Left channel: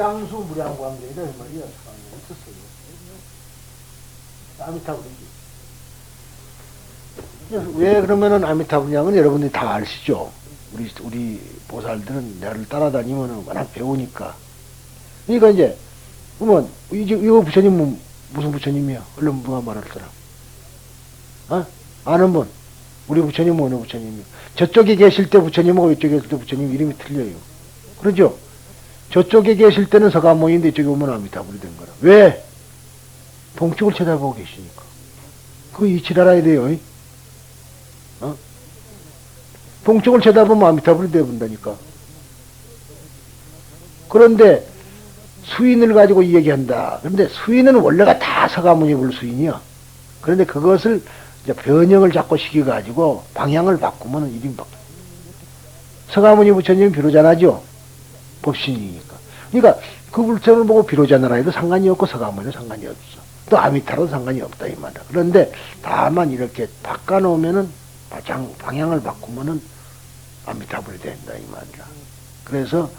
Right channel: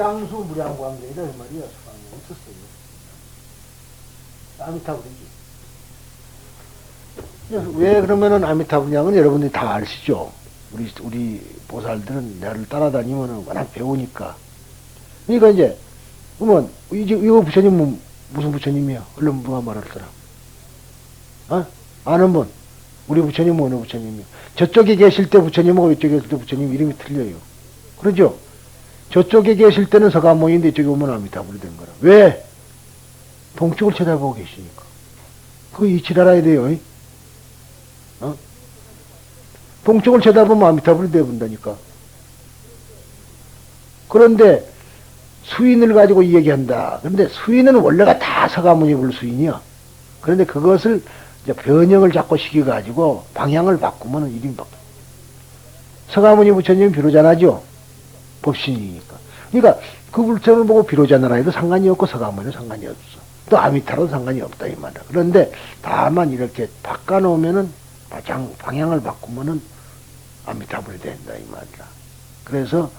무량수 무량광경이다 이 말이야. 수강이 있었어요. 아미타불이지. 왜 그러면은 아미타불량은 여러분들이 다 아시죠? 우리 보살들은 나를 따라다니면은 워낙 배우니까. 그러니까 이제, 그러면, 이거 부처님은 무슨 부처님이야? 얼른 누가 말할 사람? 어? 아는 분? 우리 부처님은 어느 부처님이야? 저쪽에 계실 때 부처님하고 이쪽에 계실 때 부처님 이름이 틀려요. 그러죠? 저쪽에 계실 때는 서가모니인데 이쪽에 오면 아미타불이 된 거라. 왜? 동쪽을 쳐다보고 계시니까. 그거 이치를 알아야 돼요. 어? 동쪽을 쳐다보면 아미타불이 되어본다니까. 그런데 수인을 가지고 이 얘기한다. 그런데 수인은 원래가 다 서가모니 불수인이야. 그런데 그것을 이제 변형을 자꾸 시켜가지고 방향을 바꾸면 이름이 바뀌어. 서가모니 부처님은 비로자나죠. 법신이니까. 그러니까 그 불처를 보고 비로자나라 해도 상관이 없고 서가모니도 상관이 없어. 또 아미타로도 상관이 없다 이 말이야. 그런데 다만 이렇게 바꿔놓으면은 방향을 바꾸면은 아미타불이 된다 이 말이야. 그래서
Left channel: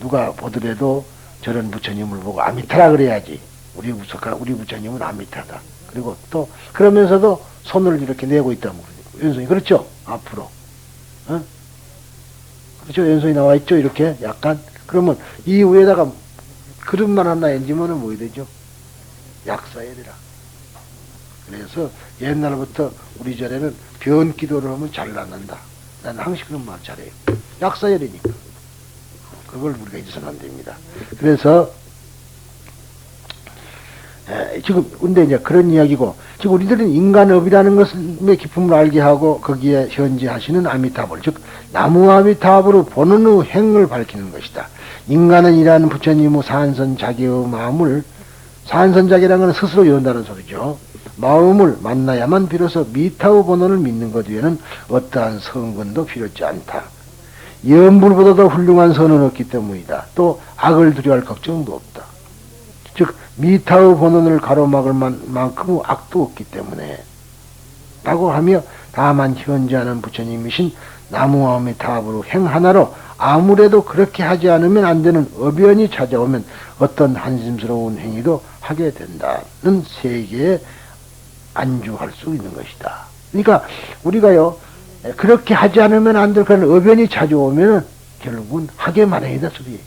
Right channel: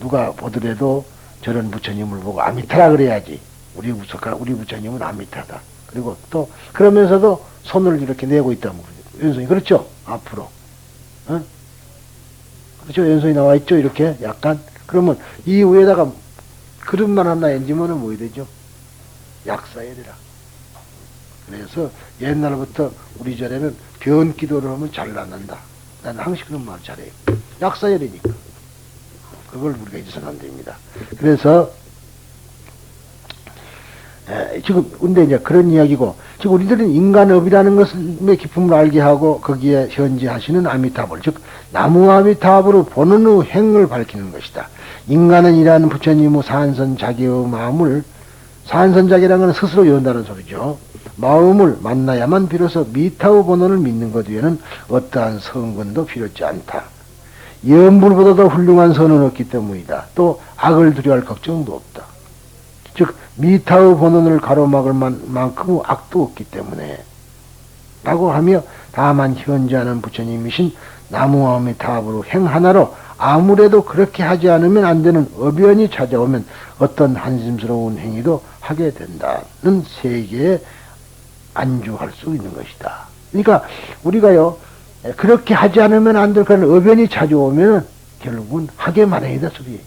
누가 보더라도 저런 부처님을 보고 아미타라 그래야지. 우리 부처님은 아미타다. 그리고 또 그러면서도 손을 이렇게 내고 있다면 왼손이 그렇죠? 앞으로. 어? 그렇죠? 왼손이 나와 있죠? 이렇게 약간. 그러면 이 위에다가 그릇만 하나 얹으면은 뭐 되죠? 약사야 되라. 그래서 옛날부터 우리 절에는 변 기도를 하면 잘 낫는다. 나는 항상 그런 말 잘해요. 약사야 되니까. 그걸 우리가 잊어서는 안 됩니다. 그래서 지금 근데 이제 그런 이야기고 지금 우리들은 인간업이라는 것의 기품을 알게 하고 거기에 현지하시는 아미타불 즉 나무 아미타불을 보는 후 행을 밝히는 것이다. 인간은 이라는 부처님의 산선자기의 마음을 산선자기라는 건 스스로 연다는 소리죠. 마음을 만나야만 비로소 미타의 본원을 믿는 것 외에는 어떠한 성근도 필요치 않다. 염불보다도 훌륭한 선은 없기 때문이다. 또 악을 두려워할 걱정도 없다. 즉 미타의 본원을 가로막을 만큼 악도 없기 때문에 라고 하며 다만 현재하는 부처님이신 나무아미타불의 행 하나로 아무래도 그렇게 하지 않으면 안 되는 어변이 찾아오면 어떤 한심스러운 행위도 하게 된다는 세계에 안주할 수 있는 것이다. 그러니까 우리가요 그렇게 하지 않으면 안 될 그런 어변이 찾아오면 결국은 하게 마련이다 소리예요.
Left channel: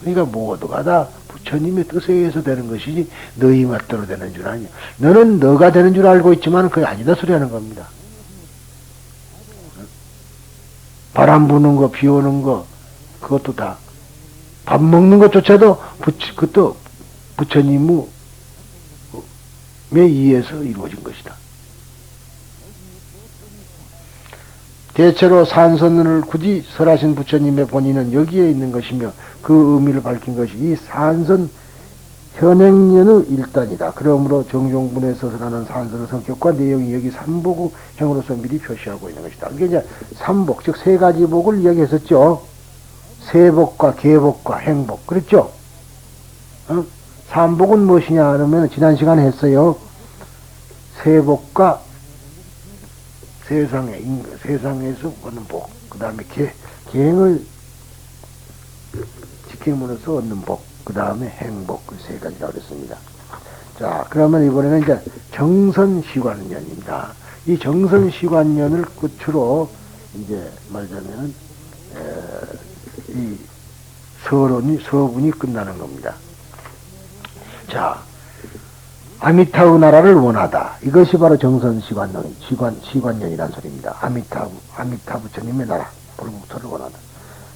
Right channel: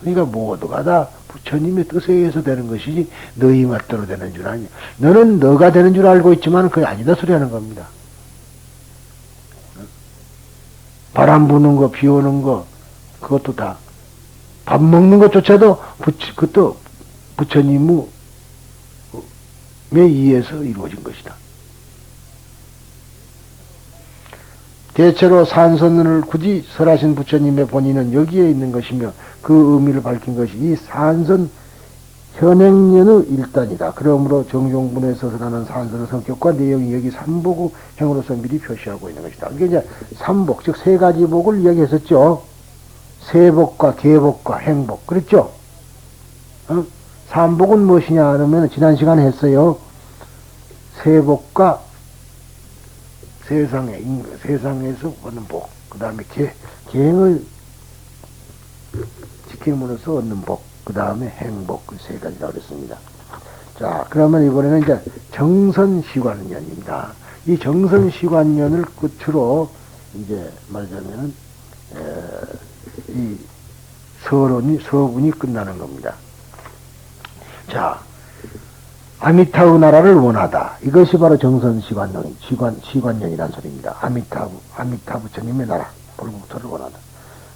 그러니까 모두가 다 부처님의 뜻에 의해서 되는 것이지 너희 맛대로 되는 줄 아니야. 너는 너가 되는 줄 알고 있지만 그게 아니다 소리 하는 겁니다. 바람 부는 거, 비 오는 거, 그것도 다. 밥 먹는 것조차도 그것도 부처님의 의해서 이루어진 것이다. 대체로 산선을 굳이 설하신 부처님의 본인은 여기에 있는 것이며 그 의미를 밝힌 것이 이 산선 현행년의 일단이다. 그러므로 정종분에서 설하는 산선의 성격과 내용이 여기 삼복의 형으로서 미리 표시하고 있는 것이다. 이게 이제 삼복, 즉 세 가지 복을 이야기했었죠. 세복과 계복과 행복. 그렇죠? 어? 삼복은 무엇이냐 하면 지난 시간에 했어요. 세복과 세상에서 얻는 복, 그 다음에 계행을 지킴으로써 얻는 복, 그 다음에 행복, 그 세 가지라고 그랬습니다. 자, 그러면 이번에는 이제 정선시관년입니다. 이 정선시관년을 끝으로 이제 말하자면 이 서분이 끝나는 겁니다. 자, 아미타의 나라를 원하다. 이것이 바로 시관년이라는 소리입니다. 아미타 부처님의 나라, 불국토를 원하다.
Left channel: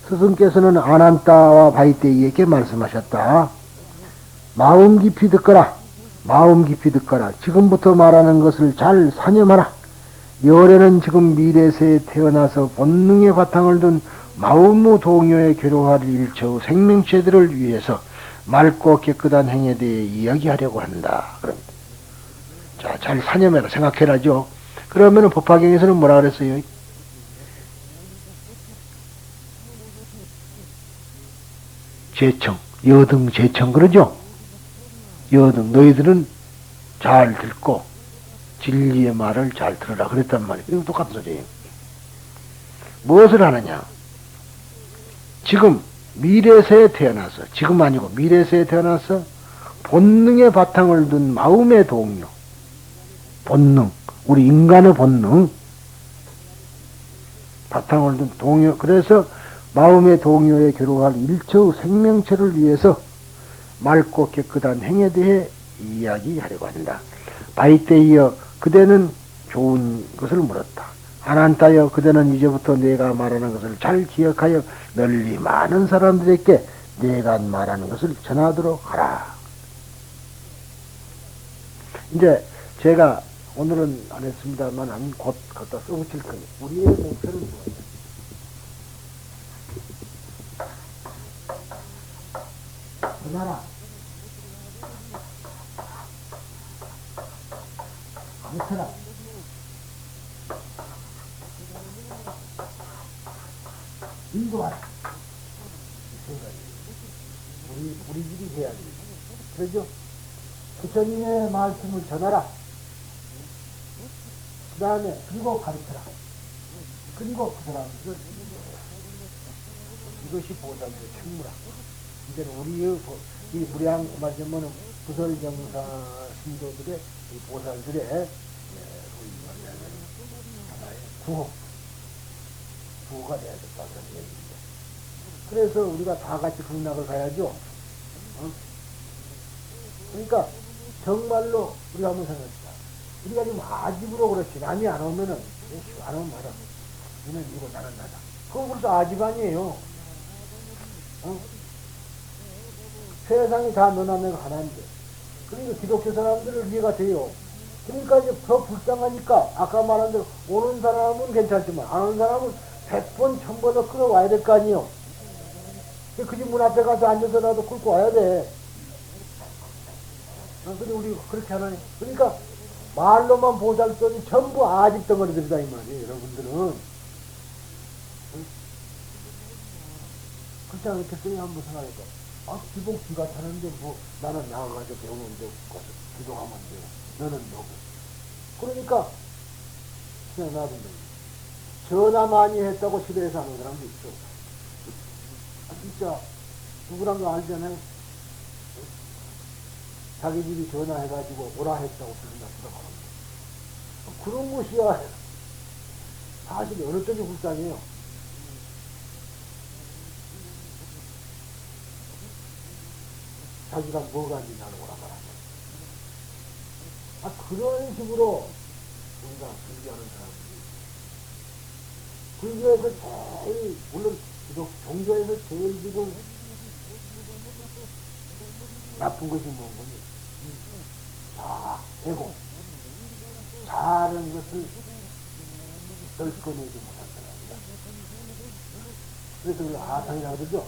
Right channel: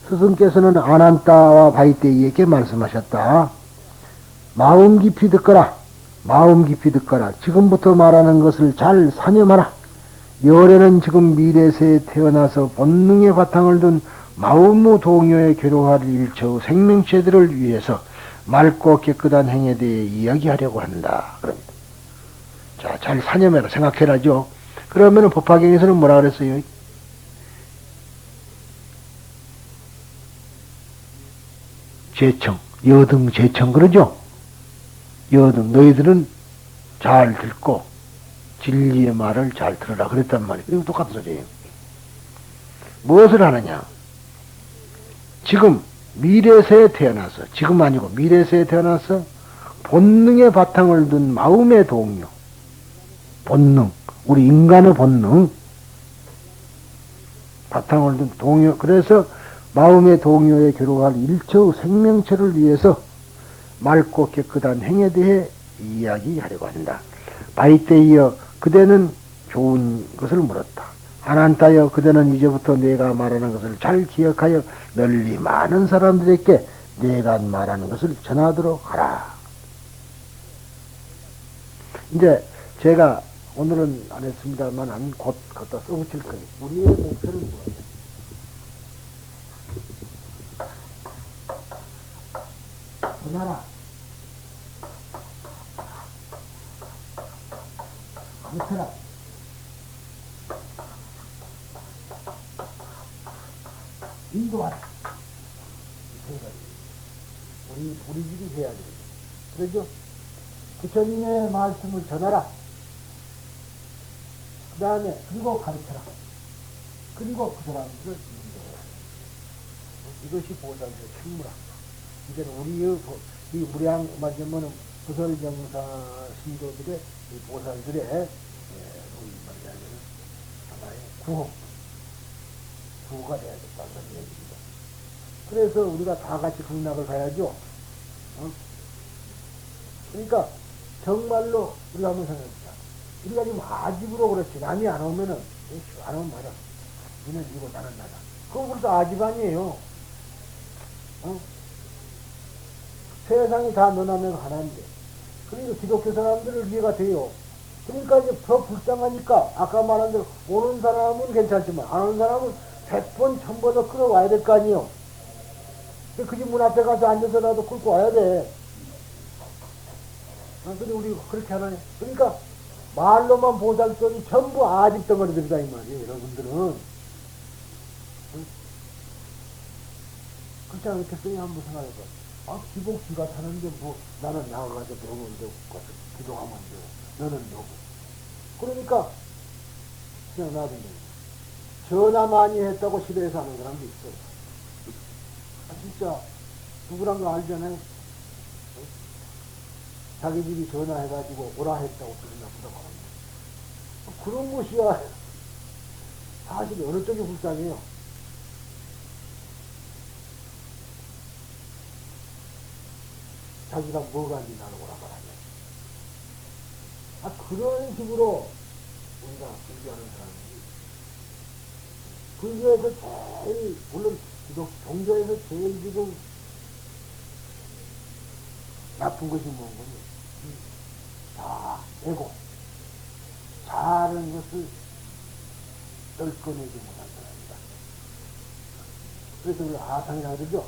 스승께서는 아난타와 바이테이에게 말씀하셨다. 마음 깊이 듣거라. 마음 깊이 듣거라. 지금부터 말하는 것을 잘 사념하라. 열애는 지금 미래세에 태어나서 본능의 바탕을 둔 마음의 동요에 괴로워할 일처의 생명체들을 위해서 맑고 깨끗한 행에 대해 이야기하려고 한다. 그럽니다. 자, 잘 사념해라. 생각해라죠. 그러면은 법화경에서는 뭐라 그랬어요? 제청, 여등 제청, 그러죠? 여등, 너희들은 잘 듣고 진리의 말을 잘 들으라 그랬단 말이에요. 이거 똑같은 소리예요. 무엇을 하느냐? 지금 미래세에 태어나서, 지금 아니고 미래세에 태어나서 본능의 바탕을 둔 마음의 동요, 본능, 우리 인간의 본능, 바탕을 둔 동요, 그래서 마음의 동요에 기록할 일체의 생명체를 위해서 맑고 깨끗한 행에 대해 이야기하려고 한다. 바이때 이어 그대는 좋은 것을 물었다. 아난타여 그대는 이제부터 내가 말하는 것을 잘 기억하여 널리 많은 사람들에게 내가 말하는 것을 전하도록 하라. 이제 제가 오늘은 안 했습니다만 아니 곧 갖다 써붙일 거예요. 우리의 목표는 무엇이냐? 그나라 못해라. 인도하라. 우리 집이 해야 돼. 그러죠? 부처님의 말씀을 전하라. 그 다음에 그리고 가르쳐라. 그리고 그 사람에게 인도하라. 이것이 보살의 충무라. 이제는 우리의 이 무량 말하자면은 부설정사 신도들의 이 보살들의 우리 말하자면은 하나의 구호가 돼야 될까 그런 얘기입니다. 그래서 우리가 다 같이 불막을 가야죠. 어? 그러니까 정말로 우리가 한번 생각해봅시다. 우리가 지금 아집으로 그렇지 남이 안 오면은 안 오면 말아. 너는 이거 나는 나다. 그거 벌써 아집 아니에요. 어? 세상이 다 너나면 하나인데. 그러니까 기독교 사람들을 이해가 돼요. 그러니까 이제 더 불쌍하니까 아까 말한 대로 오는 사람은 괜찮지만 안 오는 사람은 100번 1000번 더 끌어와야 될 거 아니에요. 그 집 문 앞에 가서 앉아서라도 끌고 와야 돼. 근데 우리 그렇게 하나요? 그러니까 말로만 보살더니 전부 아집 덩어리들이다 이 말이에요. 여러분들은 그렇지 않겠어요? 한번 생각해서 기본 기가 타는데 뭐 나는 나가가지고 병원에 가서 기도하면 돼요. 너는 뭐고. 그러니까 그냥 놔둔다. 전화 많이 했다고 집에서 하는 사람도 있어. 진짜 누구란 거 알잖아요. 자기 집이 전화해가지고 오라 했다고 그런 것이야. 사실 어느 쪽이 불쌍해요. 자기가 뭐가 있나는 거란 말이야. 그런 식으로 우리가 공부하는 사람들이 불교에서 제일 물론 종교에서 제일 지금 나쁜 것이 뭔가요? 에고 잘하는 것을 떨꺼내지 못한 사람이다. 그래서 우리가 하상이라고 그러죠.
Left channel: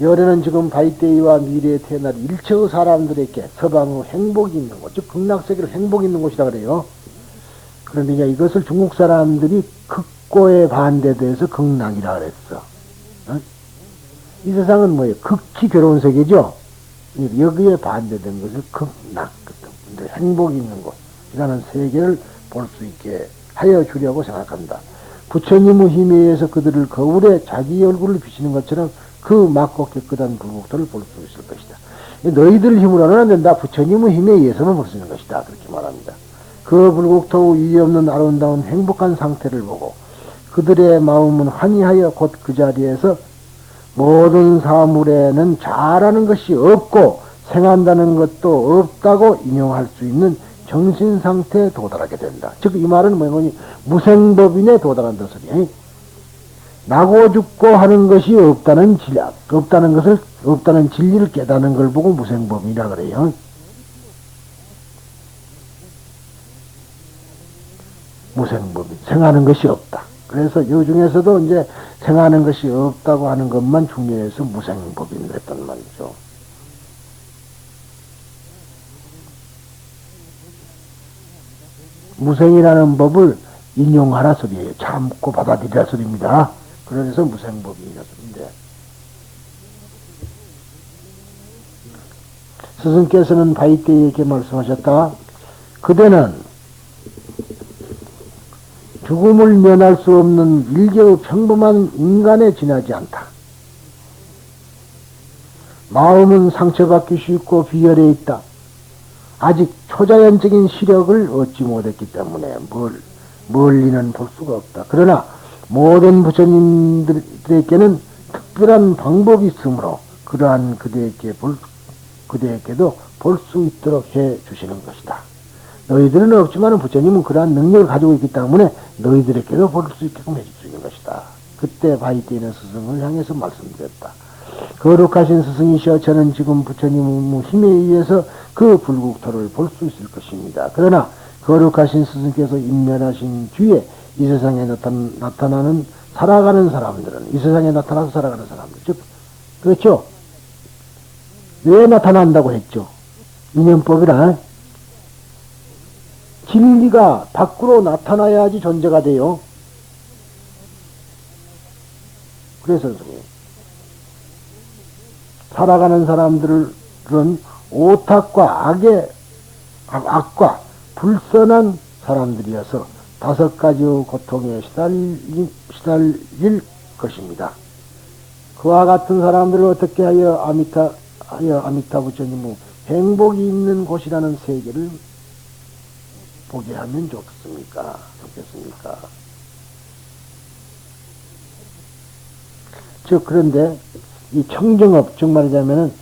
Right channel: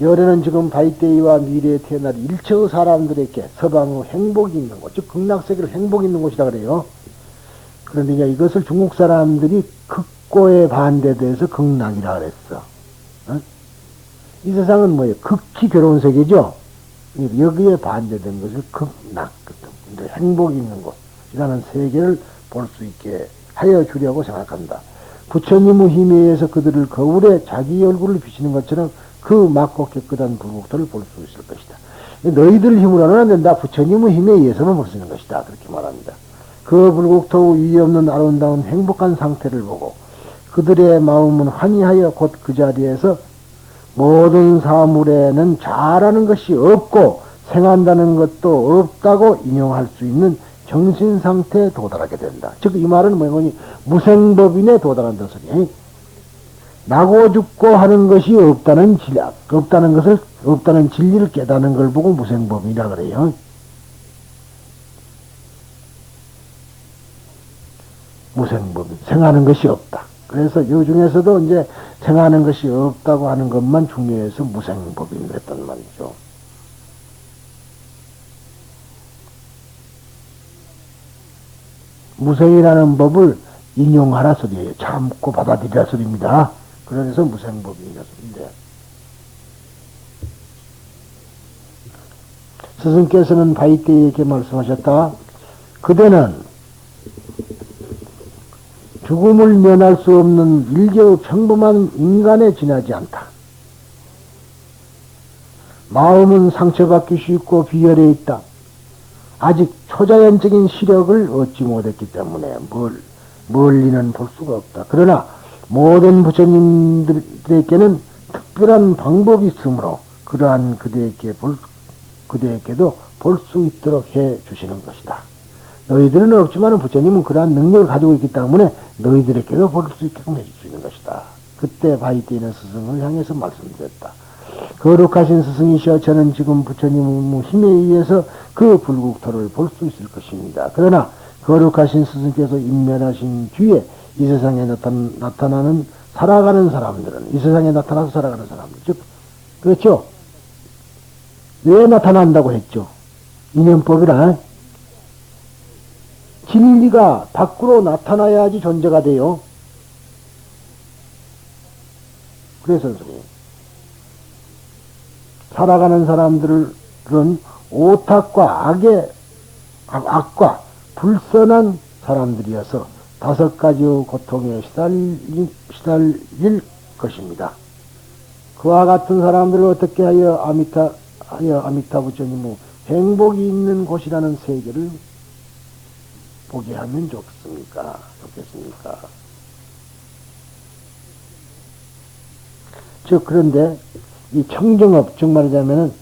열애는 지금 바이데이와 미래에 태어날 일체의 사람들에게 서방의 행복이 있는 곳, 즉 극락세계로 행복이 있는 곳이라 그래요. 그러니까 이것을 중국 사람들이 극고에 반대돼서 극락이라 그랬어. 어? 이 세상은 뭐예요? 극히 괴로운 세계죠. 여기에 반대된 것을 극락, 행복이 있는 곳이라는 세계를 볼 수 있게 하여 주려고 생각한다. 부처님의 힘에 의해서 그들을 거울에 자기 얼굴을 비치는 것처럼 그 맑고 깨끗한 불국토를 볼 수 있을 것이다. 너희들 힘으로는 안 된다. 부처님의 힘에 의해서만 볼 수 있는 것이다. 그렇게 말합니다. 그 불국토의 이의 없는 아름다운 행복한 상태를 보고 그들의 마음은 환희하여 곧 그 자리에서 모든 사물에는 잘하는 것이 없고 생한다는 것도 없다고 인용할 수 있는 정신상태에 도달하게 된다. 즉 이 말은 뭐니 무생법인에 도달한다는 소리야. 나고 죽고 하는 것이 없다는 진리를 깨닫는 걸 보고 무생법이라 그래요. 무생법인, 생하는 것이 없다. 그래서 이 중에서도 이제 생하는 것이 없다고 하는 것만 중요해서 무생법인을 했단 말이죠. 무생이라는 법을 인용하라 소리예요. 참고 받아들이라 소리입니다. 그래서 무생법이라 소리인데 스승께서는 바이때에게 말씀하셨다. 그대는 죽음을 면할 수 없는 일개의 평범한 인간에 지나지 않다. 마음은 상처받기 쉽고 비열해 있다. 아직 초자연적인 시력을 얻지 못했기 때문에 멀리는 볼 수가 없다. 그러나 모든 부처님들에게는 특별한 방법이 있으므로 그러한 그대에게도 볼 수 있도록 해 주시는 것이다. 너희들은 없지만 부처님은 그러한 능력을 가지고 있기 때문에 너희들에게도 볼 수 있게끔 해주시는 것이다. 그때 바이때는 스승을 향해서 말씀드렸다. 거룩하신 스승이시여, 저는 지금 부처님의 힘에 의해서 그 불국토를 볼 수 있을 것입니다. 그러나 거룩하신 스승께서 인멸하신 뒤에 이 세상에 나타나는 살아가는 사람들은, 이 세상에 나타나서 살아가는 사람들, 즉 그렇죠? 왜 나타난다고 했죠? 인연법이라 진리가 밖으로 나타나야지 존재가 돼요. 그래서 선생님, 살아가는 사람들은 오탁과 악과 불선한 사람들이어서 5가지의 고통에 시달릴 것입니다. 그와 같은 사람들을 어떻게 하여 아미타 부처님의 행복이 있는 곳이라는 세계를 보게 하면 좋겠습니까? 그런데 이 청정업, 즉 말하자면은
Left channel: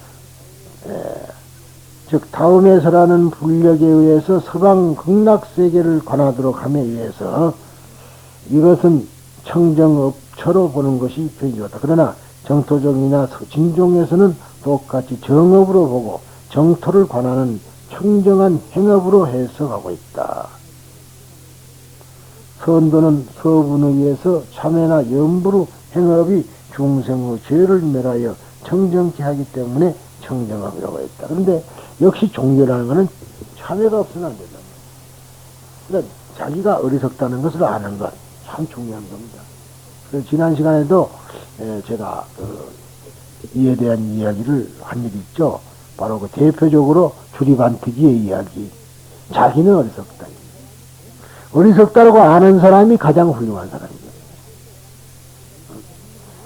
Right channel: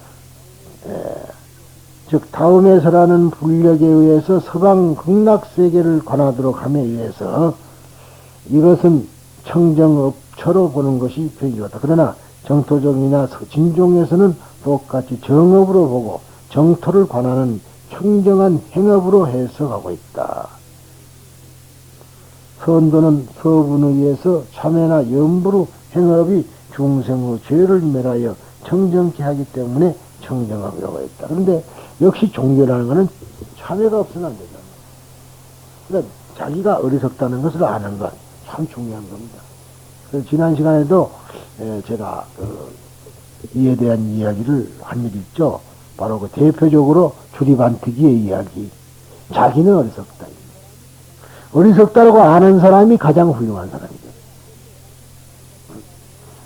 즉 다음에서라는 불력에 의해서 서방 극락세계를 관하도록 함에 의해서 이것은 청정업처로 보는 것이 되기같다. 그러나 정토적이나 진종에서는 똑같이 정업으로 보고 정토를 관하는 청정한 행업으로 해석하고 있다. 선도는 서분에 의해서 참회나 염불의 행업이 중생의 죄를 멸하여 청정케 하기 때문에 청정업이라고 했다. 그런데 역시 종교라는 것은 참회가 없으면 안 된다. 그러니까 자기가 어리석다는 것을 아는 것 참 중요한 겁니다. 그래서 지난 시간에도 제가 이에 대한 이야기를 한 일이 있죠. 바로 그 대표적으로 주리반트기의 이야기. 자기는 어리석다. 어리석다라고 아는 사람이 가장 훌륭한 사람이죠.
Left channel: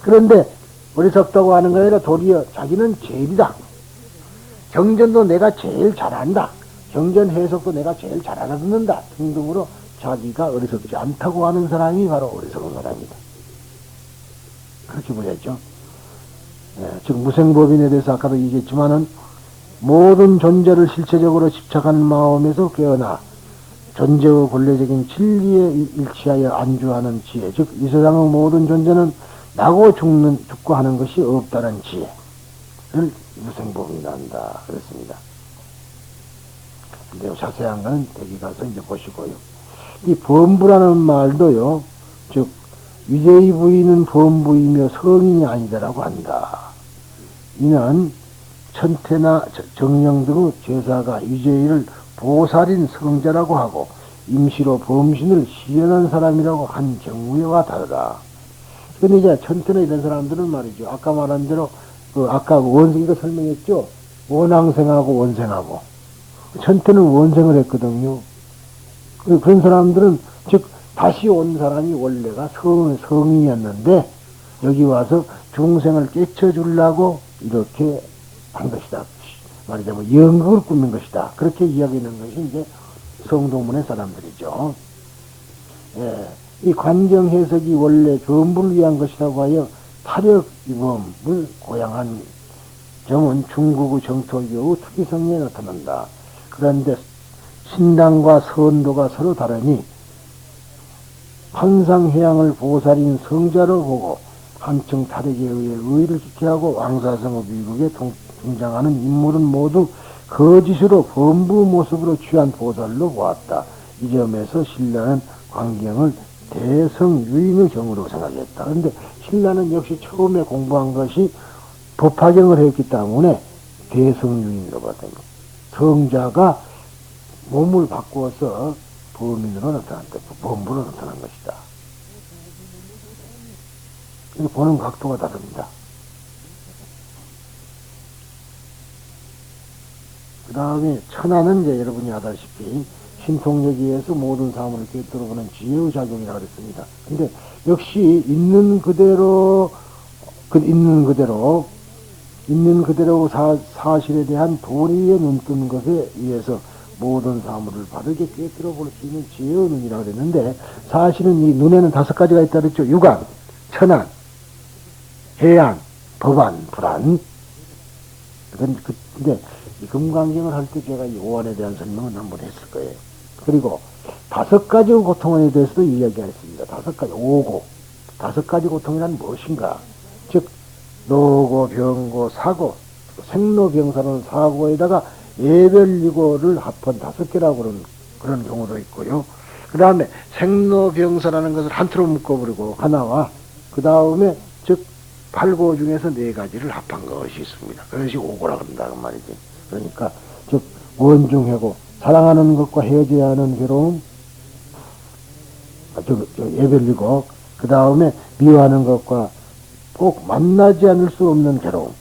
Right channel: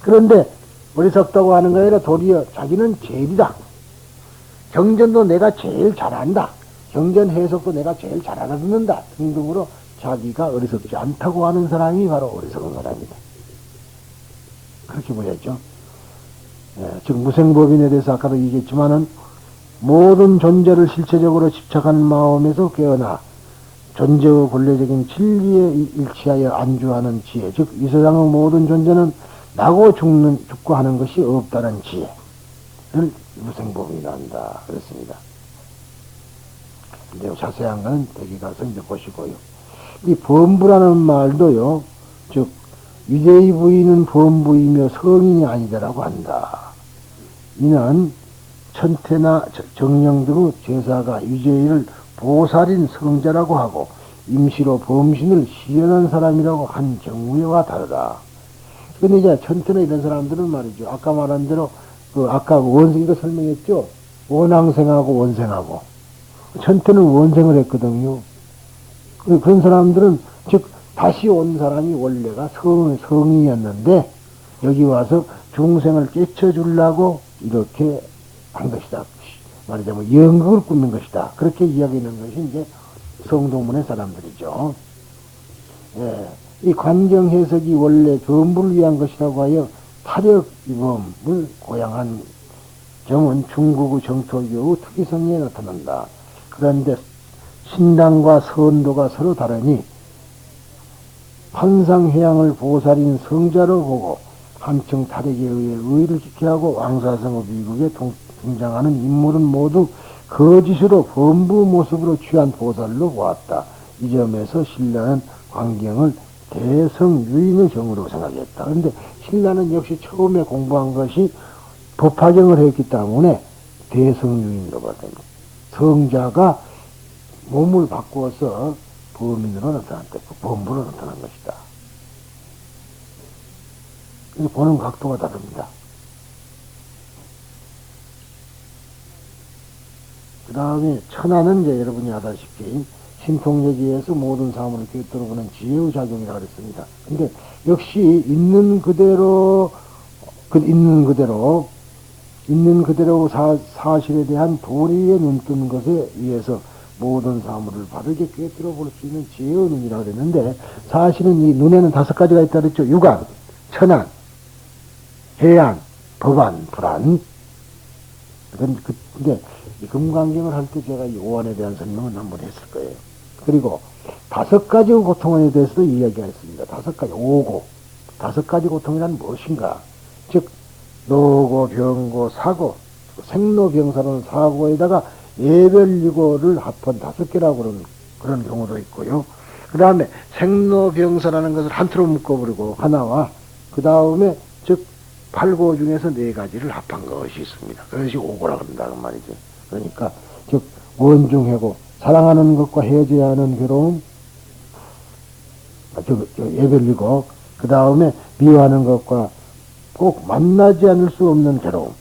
그런데 어리석다고 하는 게 아니라 도리어 자기는 제일이다. 경전도 내가 제일 잘한다. 경전 해석도 내가 제일 잘 알아듣는다. 등등으로 자기가 어리석지 않다고 하는 사람이 바로 어리석은 사람이다. 그렇게 보였죠. 즉 무생법인에 대해서 아까도 얘기했지만은 모든 존재를 실체적으로 집착하는 마음에서 깨어나 존재의 본래적인 진리에 일치하여 안주하는 지혜, 즉 이 세상의 모든 존재는 나고 죽고 하는 것이 없다는 지혜를 무생법인이라 한다 그랬습니다. 근데 자세한 거는 대기 가서 이제 보시고요. 이 범부라는 말도요, 즉 위제의 부인은 범부이며 성인이 아니다라고 한다. 이는 천태나 정령 등의 제사가 위제의를 보살인 성자라고 하고 임시로 범신을 시연한 사람이라고 한 경우와 다르다. 근데 이제 천태나 이런 사람들은 말이죠. 아까 말한 대로 아까 원생이가 설명했죠. 원앙생하고 원생하고. 천태는 원생을 했거든요. 그런 사람들은 즉 다시 온 사람이 원래가 성인이었는데 여기 와서 중생을 깨쳐주려고 이렇게 한 것이다. 말하자면 연극을 꾸민 것이다. 그렇게 이야기하는 것이 이제 성도문의 사람들이죠. 예, 이 관경 해석이 원래 전부를 위한 것이라고 하여 타력이범을 고양한 경은 중국의 정토교의 특이성에 나타난다. 그런데 신당과 선도가 서로 다르니 환상해양을 보살인 성자로 보고 한층 타력에 의해 의를 지켜하고 왕사성의 미국에 등장하는 인물은 모두 거짓으로 범부 모습으로 취한 보살로 보았다. 이 점에서 신라는 광경을 대성유인의 경우로 생각했다. 그런데 신라는 역시 처음에 공부한 것이 법화경을 했기 때문에 대성유인으로 봤던 것. 성자가 몸을 바꾸어서 범인으로 나타났다. 범부로 나타난 것이다. 보는 각도가 다릅니다. 그 다음에 천하는 이제 여러분이 아다시피 신통력에 의해서 모든 사물을 꿰뚫어보는 지혜의 작용이라고 그랬습니다. 근데 역시 있는 그대로 사실에 대한 도리에 눈뜬 것에 의해서 모든 사물을 바르게 꿰뚫어 볼 수 있는 지혜의 눈이라고 그랬는데, 사실은 이 눈에는 5가지가 있다 그랬죠. 육안, 천안, 해안, 법안, 불안. 근데 이 금강경을 할 때 제가 이 오안에 대한 설명을 한번 했을 거예요. 그리고 5가지 고통에 대해서도 이야기가 있습니다. 5가지, 오고. 5가지 고통이란 무엇인가? 즉, 노고, 병고, 사고, 생로병사로는 사고에다가 예별리고를 합한 5개라고 그런 경우도 있고요. 그 다음에 생로병사라는 것을 한틀로 묶어버리고 하나와, 그 다음에 즉 8고 중에서 4가지를 합한 것이 있습니다. 그것이 오고라고 한다고 말이죠. 그러니까 즉 원중해고, 사랑하는 것과 헤어져야 하는 괴로움, 예별리고, 그 다음에 미워하는 것과 꼭 만나지 않을 수 없는 괴로움,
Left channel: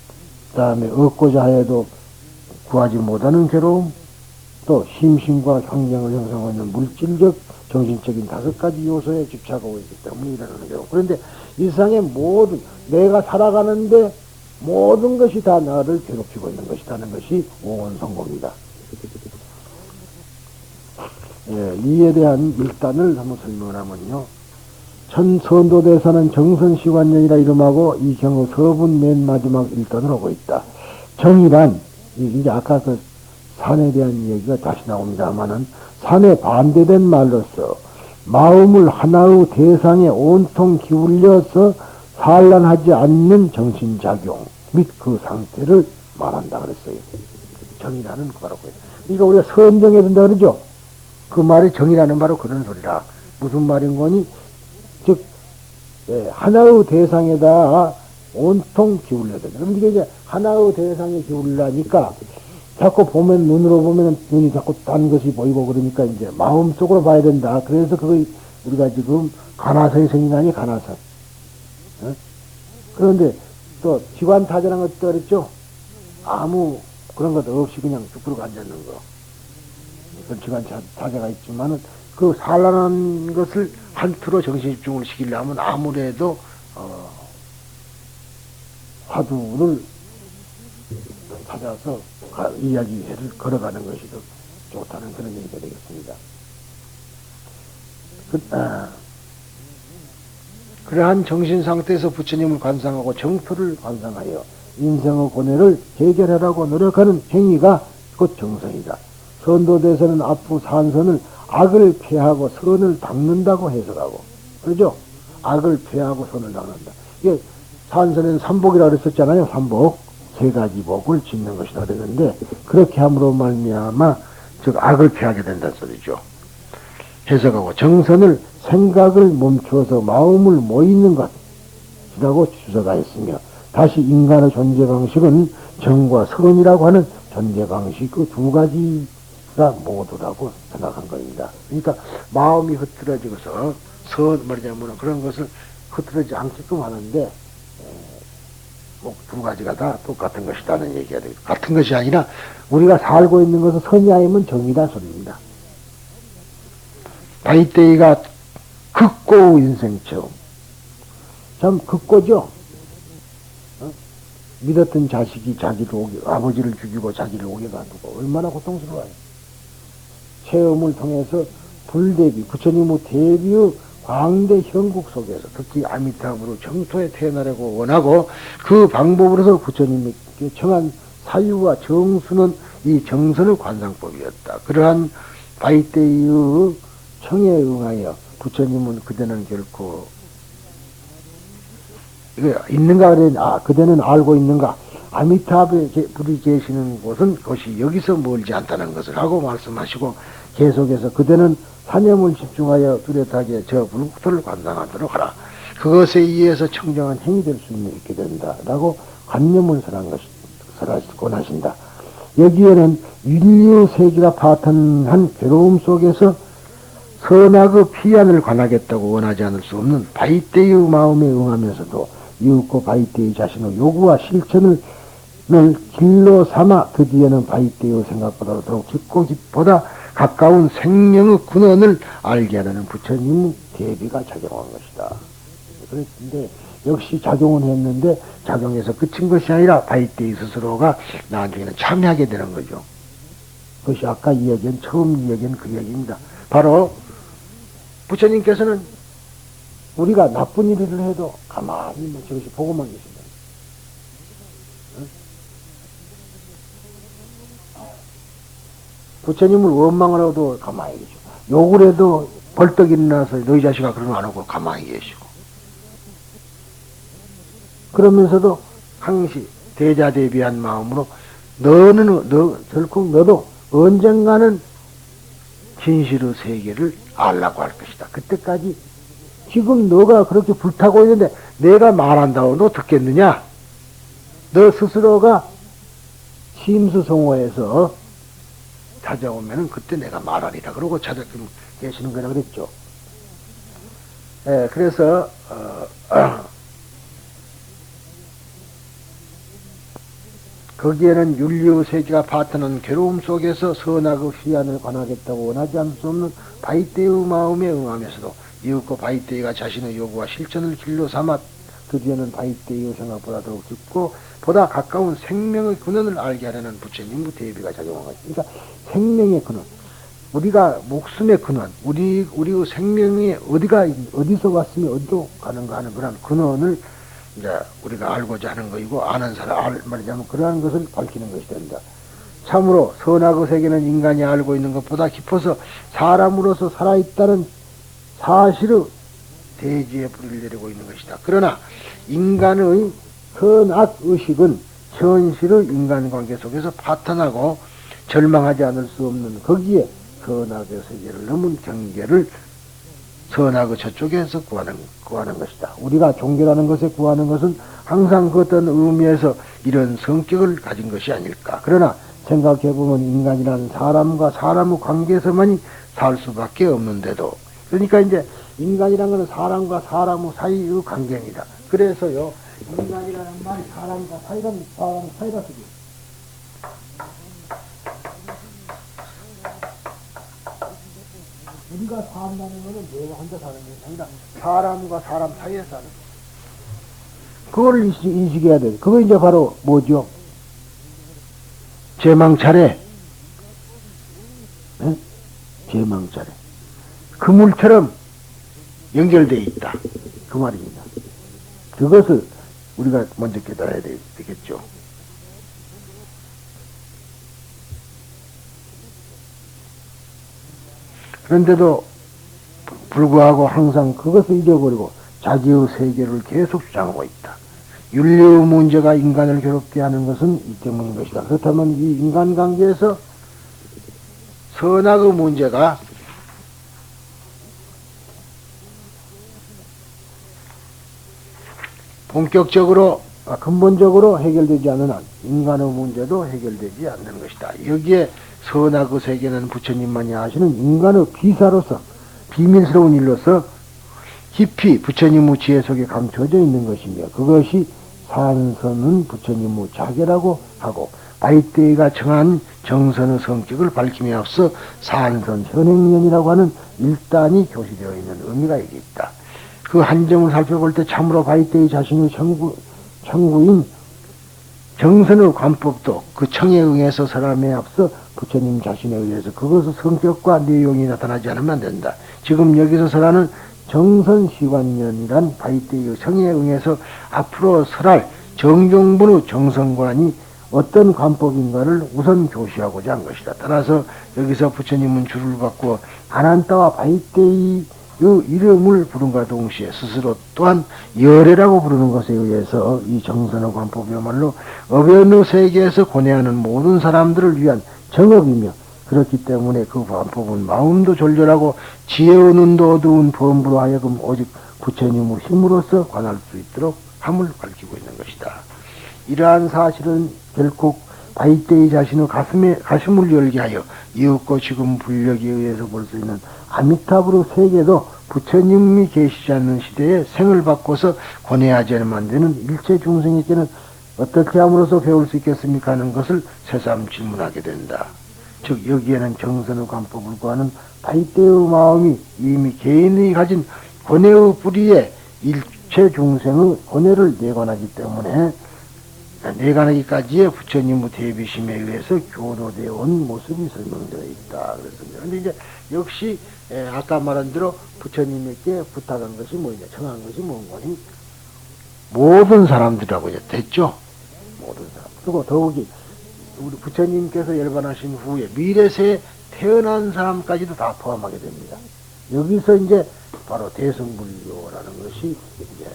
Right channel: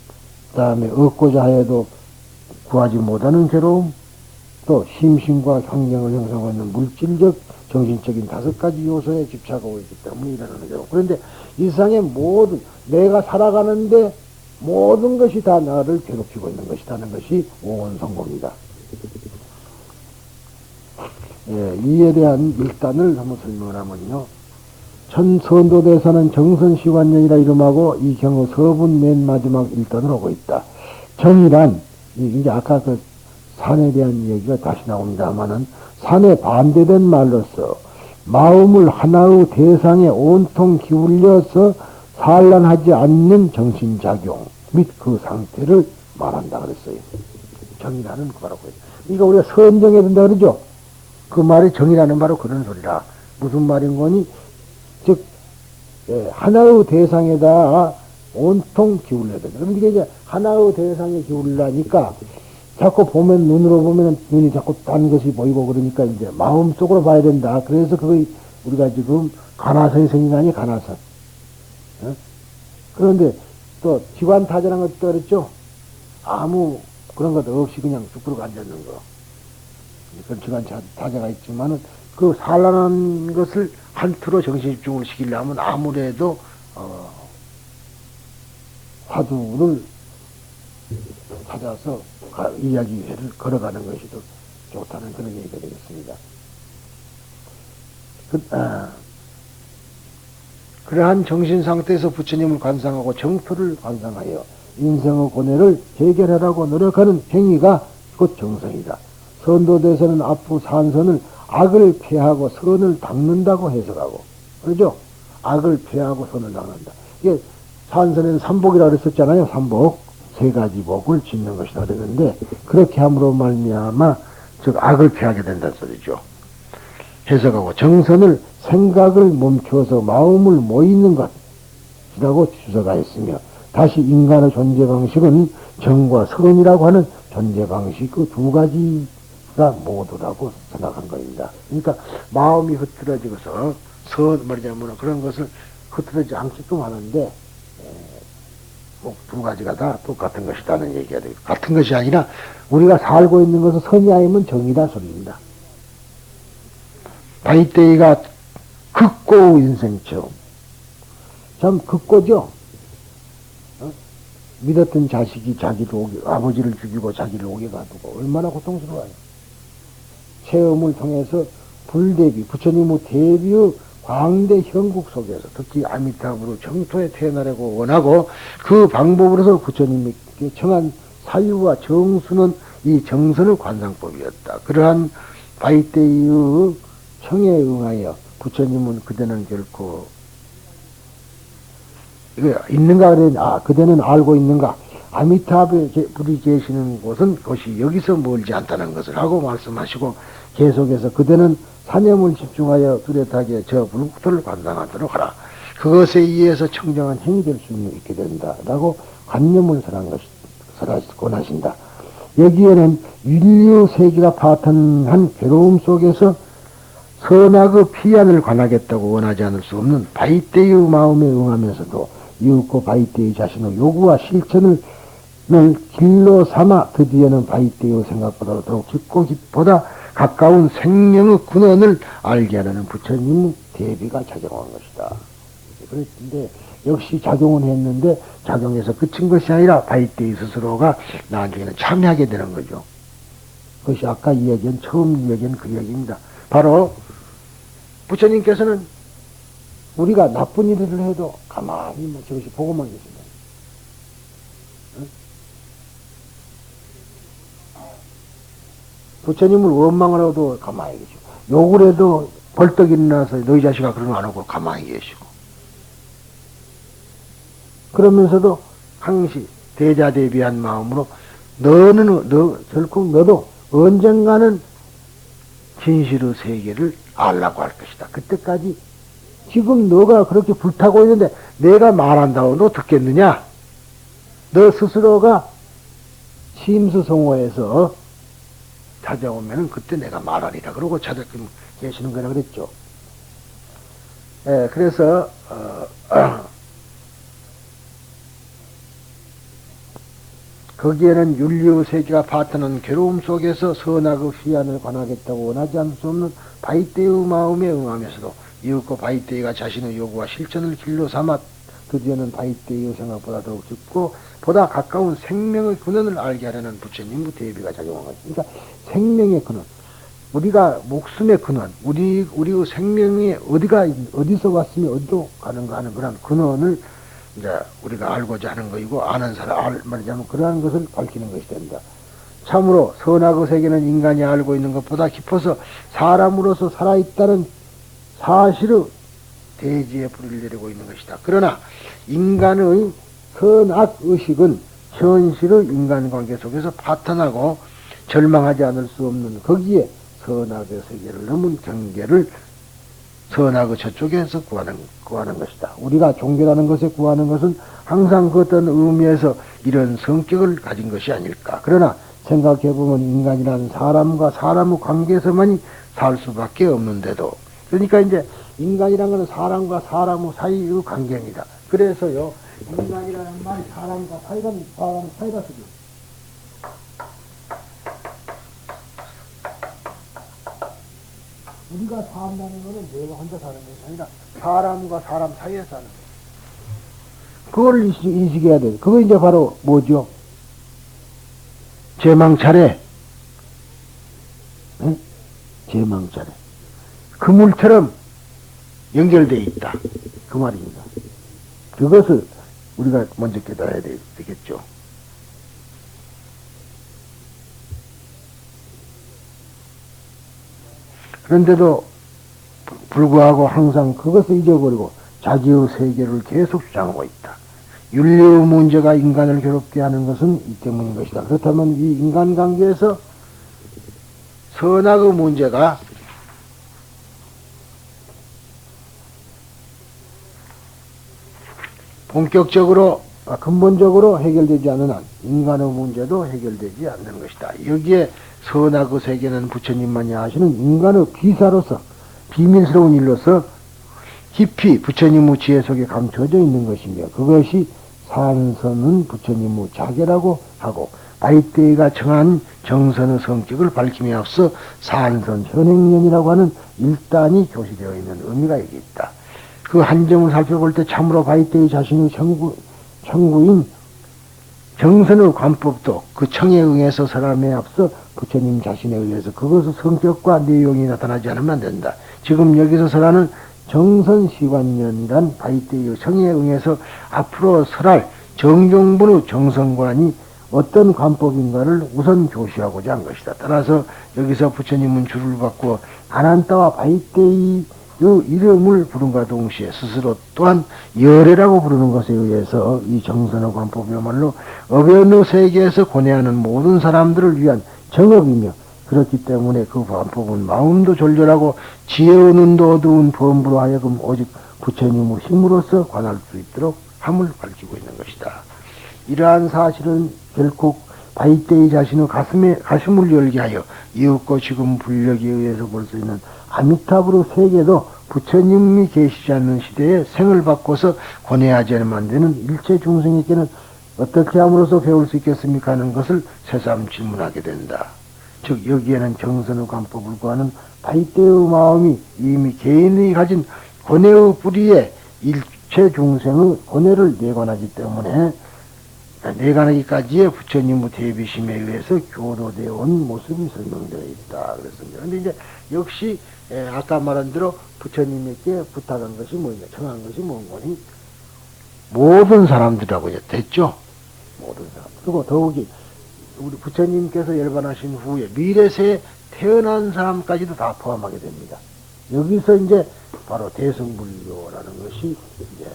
그 다음에 얻고자 해도 구하지 못하는 괴로움, 또 심신과 환경을 형성하는 물질적, 정신적인 5가지 요소에 집착하고 있기 때문에 일어나는 괴로움. 그런데 이 세상의 모든, 내가 살아가는데 모든 것이 다 나를 괴롭히고 있는 것이라는 것이 오온성공이다. 예, 이에 대한 일단을 한번 설명을 하면요. 천선도대사는 정선시관령이라 이름하고 이 경우 서분 맨 마지막 일단으로 오고 있다. 정이란, 이제 아까 그 산에 대한 이야기가 다시 나옵니다만은, 산에 반대된 말로서 마음을 하나의 대상에 온통 기울여서 산란하지 않는 정신작용 및 그 상태를 말한다 그랬어요. 정이라는 바로 그. 그러니까 우리가 선정해야 된다 그러죠. 그 말이 정이라는 바로 그런 소리다. 무슨 말인 거니? 즉, 하나의 대상에다 온통 기울여야 된다. 그럼 이게 이제 하나의 대상에 기울이라니까 자꾸 보면, 눈으로 보면 눈이 자꾸 딴 것이 보이고 그러니까 이제 마음속으로 봐야 된다. 그래서 그거 우리가 지금 간화선이 생긴다니, 간화선. 그런데 또 기관타자라는 것도 그랬죠. 아무 그런 것도 없이 그냥 쭉 들고 앉아있는 거. 그런 기관타자가 있지만은 그 산란한 것을 한투로 정신집중을 시키려면 아무래도 화두를 찾아서 이야기를 걸어가는 것이 더 좋다는 그런 얘기가 되겠습니다. 그러한 정신 상태에서 부처님을 관상하고 정토를 관상하여 인생의 고뇌를 해결하라고 노력하는 행위가 곧 정선이다. 선도대에서는 앞부 산선을 악을 피하고 선을 닦는다고 해석하고, 그러죠? 악을 피하고 선을 닦는다. 이게 산선에는 삼복이라고 그랬었잖아요. 삼복. 3가지 복을 짓는 것이라 그랬는데, 그렇게 함으로 말미암아 즉 악을 피하게 된다는 소리죠. 해석하고 정선을 생각을 멈추어서 마음을 모이는 것이라고 주석하였으며, 다시 인간의 존재 방식은 정과 선이라고 하는 존재 방식 그 2가지가 모두라고 생각한 겁니다. 그러니까 마음이 흐트러져서 말하자면 그런 것을 흐트러지지 않게끔 하는데, 2가지가 다 똑같은 것이라는 얘기가 되겠다. 같은 것이 아니라 우리가 살고 있는 것은 선이 아니면 정이다 소리입니다. 바이테이가 극고 인생처럼 참 극고죠. 믿었던 자식이 아버지를 죽이고 자기를 오게 가두고 얼마나 고통스러워요. 체험을 통해서 불대비, 부처님의 대비의 광대 형국 속에서 특히 아미타불로 정토에 태어나려고 원하고, 그 방법으로서 부처님이 청한 사유와 정수는 이 정선의 관상법이었다. 그러한 바이테이의 청에 응하여 부처님은 그대는 결코 있는가 그래. 그대는 알고 있는가. 아미타불이 계시는 곳은 그것이 여기서 멀지 않다는 것을 하고 말씀하시고, 계속해서 그대는 사념을 집중하여 뚜렷하게 저 불국토를 관상하도록 하라. 그것에 의해서 청정한 행이 될 수 있게 된다라고 관념을 권하신다. 여기에는 인류세계가 파탄한 괴로움 속에서 선악의 피안을 관하겠다고 원하지 않을 수 없는 바이테의 마음에 응하면서도 이윽고 바이테의 자신의 요구와 실천을 길로 삼아 드디어는 바이때의 생각보다 더욱 깊고 보다 가까운 생명의 근원을 알게 하려는 부처님 대비가 작용한 것이다. 그런데 역시 작용은 했는데 작용해서 그친 것이 아니라 바이때의 스스로가 나중에는 참여하게 되는 거죠. 그것이 아까 이야기한 처음 이야기한 그 이야기입니다. 바로 부처님께서는 우리가 나쁜 일을 해도 가만히 저것이 보고만 계십니다. 부처님을 원망을 해도 가만히 계시고 욕을 해도 벌떡 일어나서 너희 자식아 그런 거 안 하고 가만히 계시고 그러면서도 항시 대자대비한 마음으로 결코 너도 언젠가는 진실의 세계를 알라고 할 것이다. 그때까지 지금 너가 그렇게 불타고 있는데 내가 말한다고 너 듣겠느냐? 너 스스로가 심수성호해서 찾아오면은 그때 내가 말하리라. 그러고 찾아뵙 계시는 거라 그랬죠. 예, 그래서 거기에는 윤리의 세계가 파트는 괴로움 속에서 선악의 시안을 관하겠다고 원하지 않을 수 없는 바이때의 마음에 응하면서도 이윽고 바이때가 자신의 요구와 실천을 길로 삼아 드디어는 바이때의 생각보다 더욱 깊고 보다 가까운 생명의 근원을 알게 하려는 부처님의 대비가 작용한 거죠. 그러니까 생명의 근원, 우리가 목숨의 근원, 우리의 생명이 어디서 왔으면 어디로 가는가 하는 그런 근원을 이제 우리가 알고자 하는 것이고 아는 사람 말하자면 그러한 것을 밝히는 것이 됩니다. 참으로 선악의 세계는 인간이 알고 있는 것보다 깊어서 사람으로서 살아있다는 사실의 대지에 불을 내리고 있는 것이다. 그러나 인간의 선악 의식은 현실의 인간관계 속에서 파탄하고 절망하지 않을 수 없는 거기에 선악의 세계를 넘은 경계를 선악의 저쪽에서 구하는 것이다. 우리가 종교라는 것에 구하는 것은 항상 그 어떤 의미에서 이런 성격을 가진 것이 아닐까. 그러나 생각해보면 인간이라는 사람과 사람의 관계에서만이 살 수밖에 없는데도 그러니까 이제 인간이라는 것은 사람과 사람의 사이의 관계입니다. 그래서요 인간이라는 말이 사람과 사람의 사이라 쓰기. 우리가 산다는 것은 내가 혼자 사는 것이 아니라 사람과 사람 사이에 사는 것. 그걸 인식해야 돼. 그거 이제 바로 뭐죠? 제망차례. 응? 제망차례. 그물처럼 연결되어 있다. 그 말입니다. 그것을 우리가 먼저 깨달아야 되겠죠. 그런데도 불구하고 항상 그것을 잊어버리고 자기의 세계를 계속 주장하고 있다. 윤리의 문제가 인간을 괴롭게 하는 것은 이 때문인 것이다. 그렇다면 이 인간관계에서 선악의 문제가 본격적으로 근본적으로 해결되지 않는 한 인간의 문제도 해결되지 않는 것이다. 여기에 선악의 세계는 부처님만이 아시는 인간의 기사로서 비밀스러운 일로서 깊이 부처님의 지혜 속에 감춰져 있는 것이며 그것이 산선은 부처님의 자계라고 하고 바이때가 정한 정선의 성격을 밝힘에 앞서 산선 선행년이라고 하는 일단이 교시되어 있는 의미가 여기 있다. 그 한 점을 살펴볼 때 참으로 바이때의 자신의 청구인 정선의 관법도 그 청에 응해서 사람에 앞서 부처님 자신에 의해서 그것의 성격과 내용이 나타나지 않으면 안 된다. 지금 여기서 설하는 정선시관년이란 바이때의 청에 응해서 앞으로 설할 정종분의 정선관이 어떤 관법인가를 우선 교시하고자 한 것이다. 따라서 여기서 부처님은 줄을 받고 아난타와 바이때의 이름을 부른과 동시에 스스로 또한 열애라고 부르는 것에 의해서 이 정선의 관법이야말로 어변의 세계에서 고뇌하는 모든 사람들을 위한 정업이며 그렇기 때문에 그 관법은 마음도 졸졸하고 지혜의 눈도 어두운 범부로 하여금 오직 부처님의 힘으로서 관할 수 있도록 함을 밝히고 있는 것이다. 이러한 사실은 결국 바이때의 자신의 가슴을 열게 하여 이윽고 지금 불력에 의해서 볼 수 있는 아미타불의 세계도 부처님이 계시지 않는 시대에 생을 바꿔서 권해하지 않으면 안 되는 일체 중생에게는 어떻게 함으로써 배울 수 있겠습니까 하는 것을 새삼 질문하게 된다. 즉 여기에는 정선의 관법을 구하는 가이대의 마음이 이미 개인이 가진 권해의 뿌리에 일체 중생의 권해를 내관하기 때문에 내관하기까지의 부처님의 대비심에 의해서 교도되어 온 모습이 설명되어 있다. 그랬습니다. 그런데 이제 역시 아까 말한 대로 부처님에게 부탁한 것이 뭐냐, 청한 것이 뭔가니 모든 사람들이라고 이제 됐죠. 모든 사람. 그리고 더욱이 우리 부처님께서 열반하신 후에 미래세에 태어난 사람까지도 다 포함하게 됩니다. 여기서 이제 바로 대승불교라는 것이 이제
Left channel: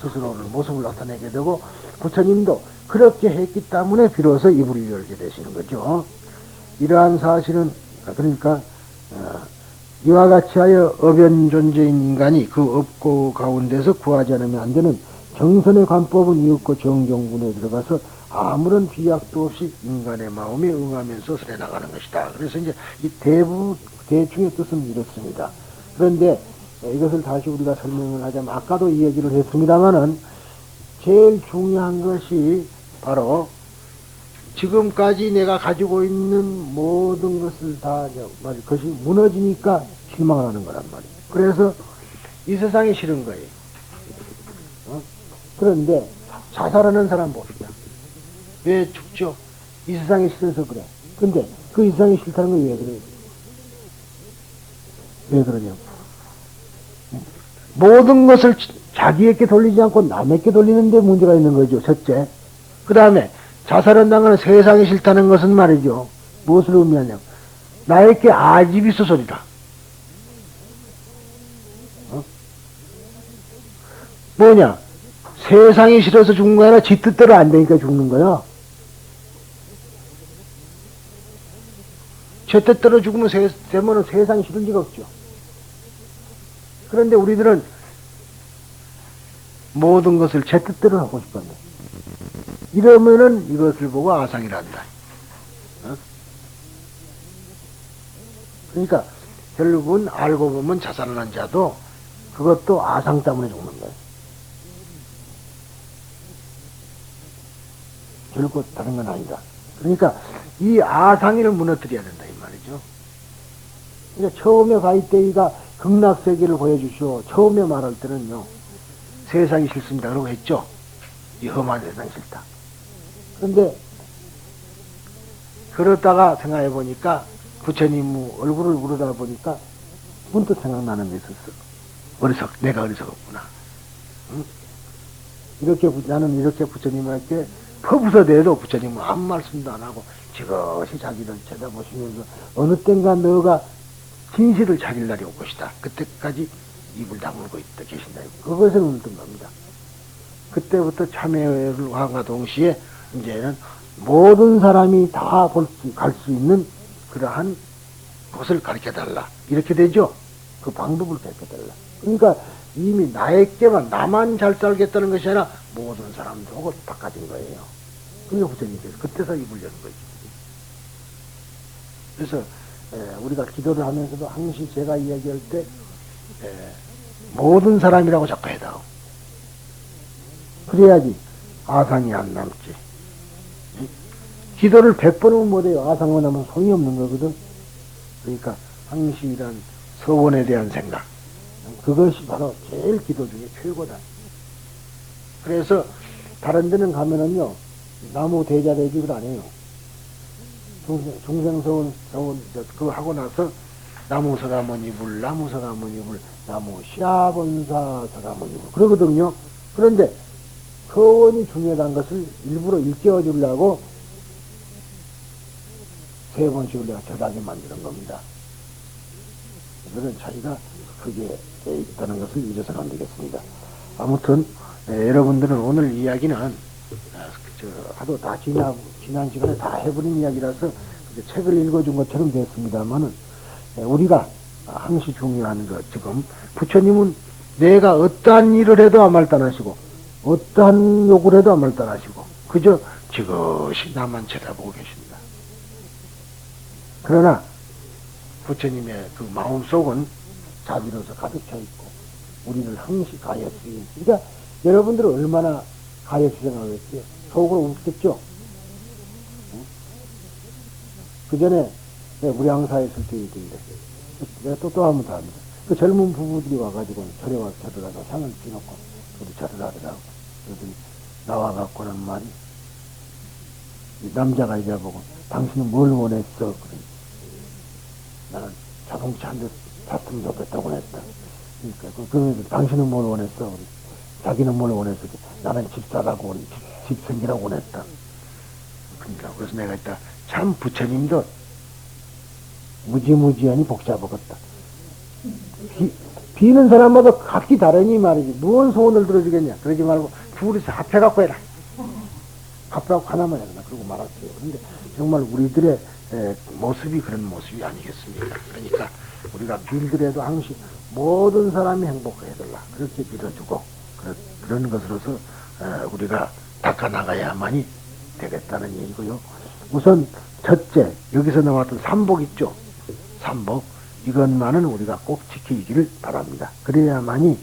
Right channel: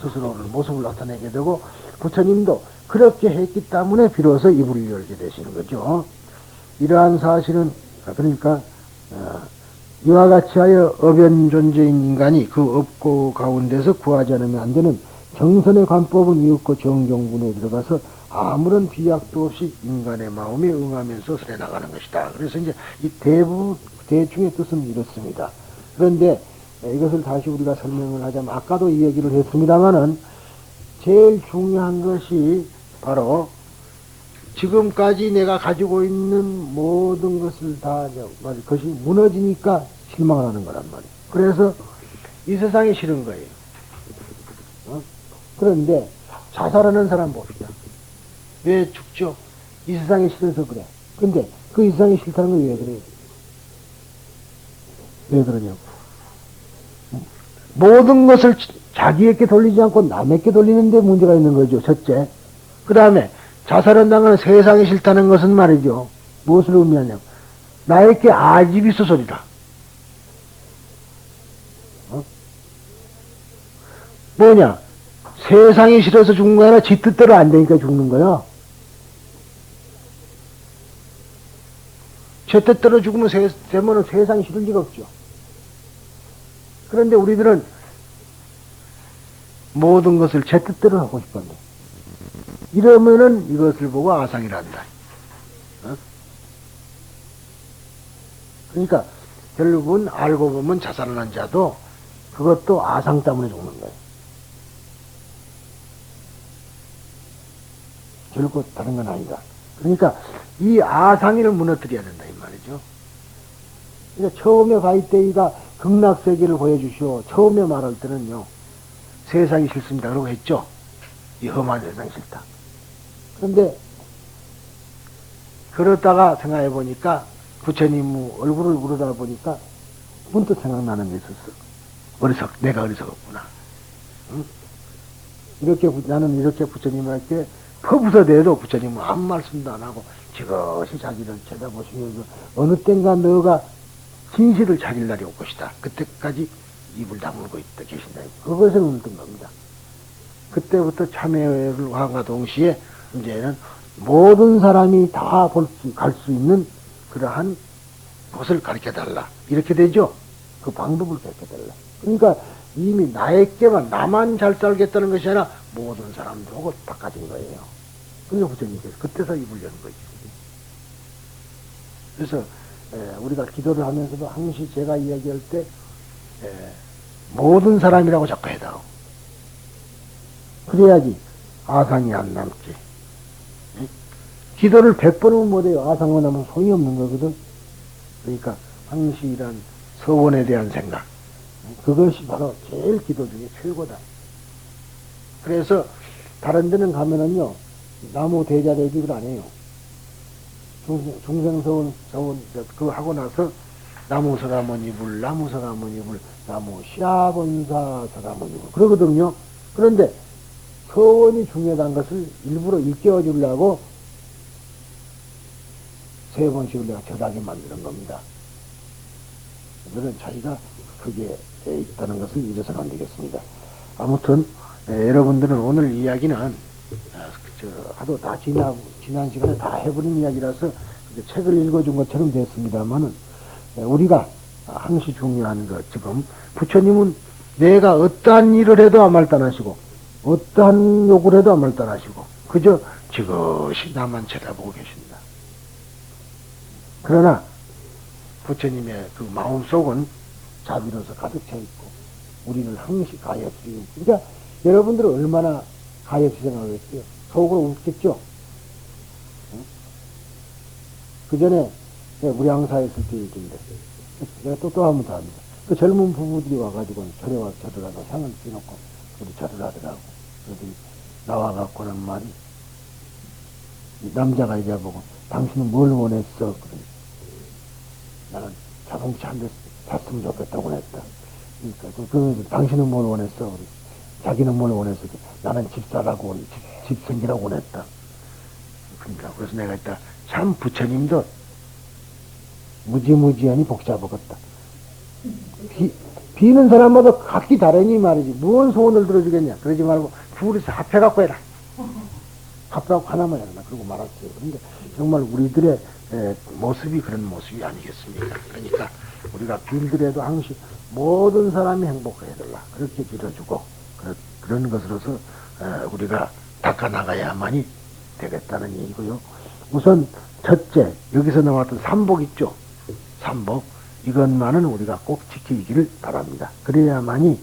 스스로를 모습을 나타내게 되고 부처님도 그렇게 했기 때문에 비로소 이불을 열게 되시는 거죠. 이러한 사실은 그러니까 이와 같이 하여 어변 존재인 인간이 그 업고 가운데서 구하지 않으면 안 되는 정선의 관법은 이윽고 정정군에 들어가서 아무런 비약도 없이 인간의 마음에 응하면서 살아나가는 것이다. 그래서 이제 이 대충의 뜻은 이렇습니다. 그런데 이것을 다시 우리가 설명을 하자면 아까도 이 얘기를 했습니다마는 제일 중요한 것이 바로 지금까지 내가 가지고 있는 모든 것을 다 그것이 무너지니까 실망을 하는 거란 말이에요. 그래서 이 세상이 싫은 거예요. 그런데 자살하는 사람 봅시다. 왜 죽죠? 이 세상이 싫어서 그래. 근데 그 이 세상이 싫다는 건 왜 그래요? 왜 그러냐고. 모든 것을 자기에게 돌리지 않고 남에게 돌리는 데 문제가 있는 거죠. 첫째. 그 다음에 자살한다는 건 세상이 싫다는 것은 말이죠. 무엇을 의미하냐고. 나에게 아집이 있어 소리다. 뭐냐? 세상이 싫어서 죽는 거 아니라 지 뜻대로 안 되니까 죽는 거야. 제 뜻대로 죽으면 세모는 세상이 싫을 리가 없죠. 그런데 우리들은 모든 것을 제 뜻대로 하고 싶어요. 이러면은 이것을 보고 아상이란다. 그러니까 결국은 알고 보면 자살하는 자도 그것도 아상 때문에 죽는 거예요. 결국 다른 건 아니다. 그러니까 이 아상이를 무너뜨려야 된다 이 말이죠. 그러니까 처음에 가이대이가 극락세계를 보여주시오. 처음에 말할 때는요. 세상이 싫습니다. 그러고 했죠. 이 험한 세상이 싫다. 그런데 그러다가 생각해 보니까 부처님 얼굴을 우러다 보니까 문득 생각나는 게 있었어. 내가 어리석었구나. 응? 나는 이렇게 부처님을 할게 퍼부서대도 부처님은 아무 말씀도 안 하고 지그시 자기를 쳐다보시면서 어느 땐가 너가 진실을 찾을 날이 올 것이다. 그때까지 입을 다물고 있다 계신다. 그것을 묻는 겁니다. 그때부터 참회를 함과 동시에 이제는 모든 사람이 다 갈 수 있는 그러한 곳을 가르쳐달라. 이렇게 되죠. 그 방법을 가르쳐달라. 그러니까 이미 나에게만 나만 잘 살겠다는 것이 아니라 모든 사람들하고 바꿔진 거예요. 그게 부처님이세요. 그때서 입을 여는 거죠. 그래서 우리가 기도를 하면서도 항상 제가 이야기할 때 모든 사람이라고 자꾸 해다오. 그래야지 아상이 안 남지. 응? 기도를 100번을 못해요. 아상만 하면 소용이 없는 거거든. 그러니까 항시란 서원에 대한 생각. 그것이 바로 제일 기도 중에 최고다. 그래서 다른 데는 가면은요. 나무 대자 대집을 안 해요. 중생서원 그거 하고 나서 나무 서가모니불 나무 서가모니불 나무 시라본사 서가모니불 그러거든요. 그런데 서원이 중요한 것을 일부러 일깨워 주려고 세 번씩을 내가 저하게 만드는 겁니다. 그런 차이가 크게 있다는 것을 잊어서는 안 되겠습니다. 아무튼 여러분들은 오늘 이야기는 하도 다 지난 시간에 다 해버린 이야기라서 책을 읽어준 것처럼 됐습니다만은 우리가 항시 중요한 거 지금 부처님은 내가 어떠한 일을 해도 아무 말도 안 하시고 어떠한 욕을 해도 아무 말도 안 하시고 그저 지그시 나만 쳐다보고 계십니다. 그러나 부처님의 그 마음속은 자비로서 가득 차 있고 우리를 항시 가였으니 그러니까 여러분들은 얼마나 가해서 생각했어요. 속으로 웃겠죠. 그 전에 내가 무량사에 있을 때 얘기인데, 내가 또 한 번 더 합니다. 그 젊은 부부들이 와가지고 절에 와서 절을 하고 향을 피놓고 우리 절을 하더라고. 그들이 나와갖고는 말이, 이 남자가 이래 보고, 당신은 뭘 원했어? 그래. 나는 자동차 한 대 탔으면 좋겠다고 했다. 그러니까, 그러면서 당신은 뭘 원했어? 그래. 자기는 뭘 원했어? 나는 집 사라고, 집 생기라고 원했다. 그러니까, 그래서 내가 했다. 참 부처님도 무지무지하니 복잡하겠다. 비는 사람마다 각기 다르니 말이지. 무슨 소원을 들어주겠냐. 그러지 말고, 둘이서 합해갖고 해라. 합해갖고 하나만 해라. 그러고 말았어요. 근데 정말 우리들의 모습이 그런 모습이 아니겠습니까? 그러니까 우리가 빌더라도 항시 모든 사람이 행복해야 돼요. 그렇게 빌어주고, 그런 것으로서 우리가 닦아나가야만이 되겠다는 얘기고요. 우선 첫째, 여기서 나왔던 삼복 있죠? 삼복. 이것만은 우리가 꼭 지키기를 바랍니다. 그래야만이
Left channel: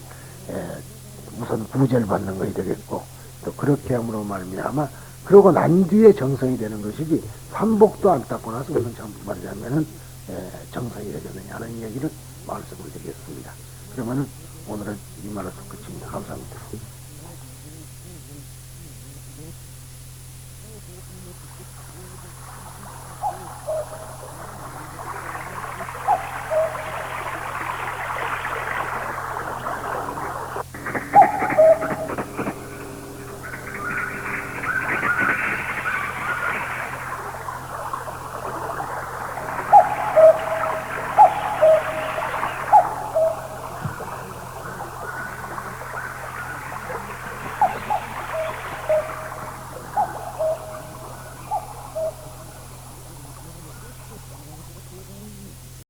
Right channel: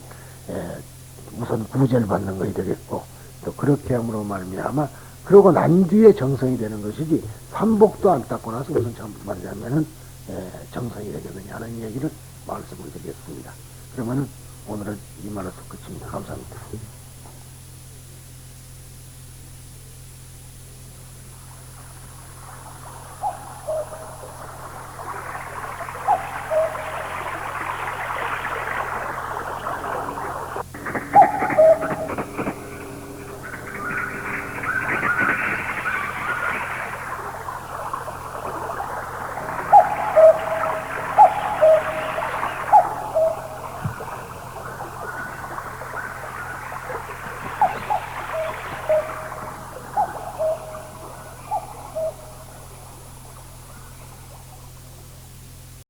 우선 구제를 받는 것이 되겠고, 또 그렇게 함으로 말미암아 그러고 난 뒤에 정성이 되는 것이지, 삼복도 안 닦고 나서 무슨 말이냐면은 정성이 되겠느냐 하는 얘기를 말씀을 드리겠습니다. 그러면 오늘은 이 말에서 끝입니다. 감사합니다.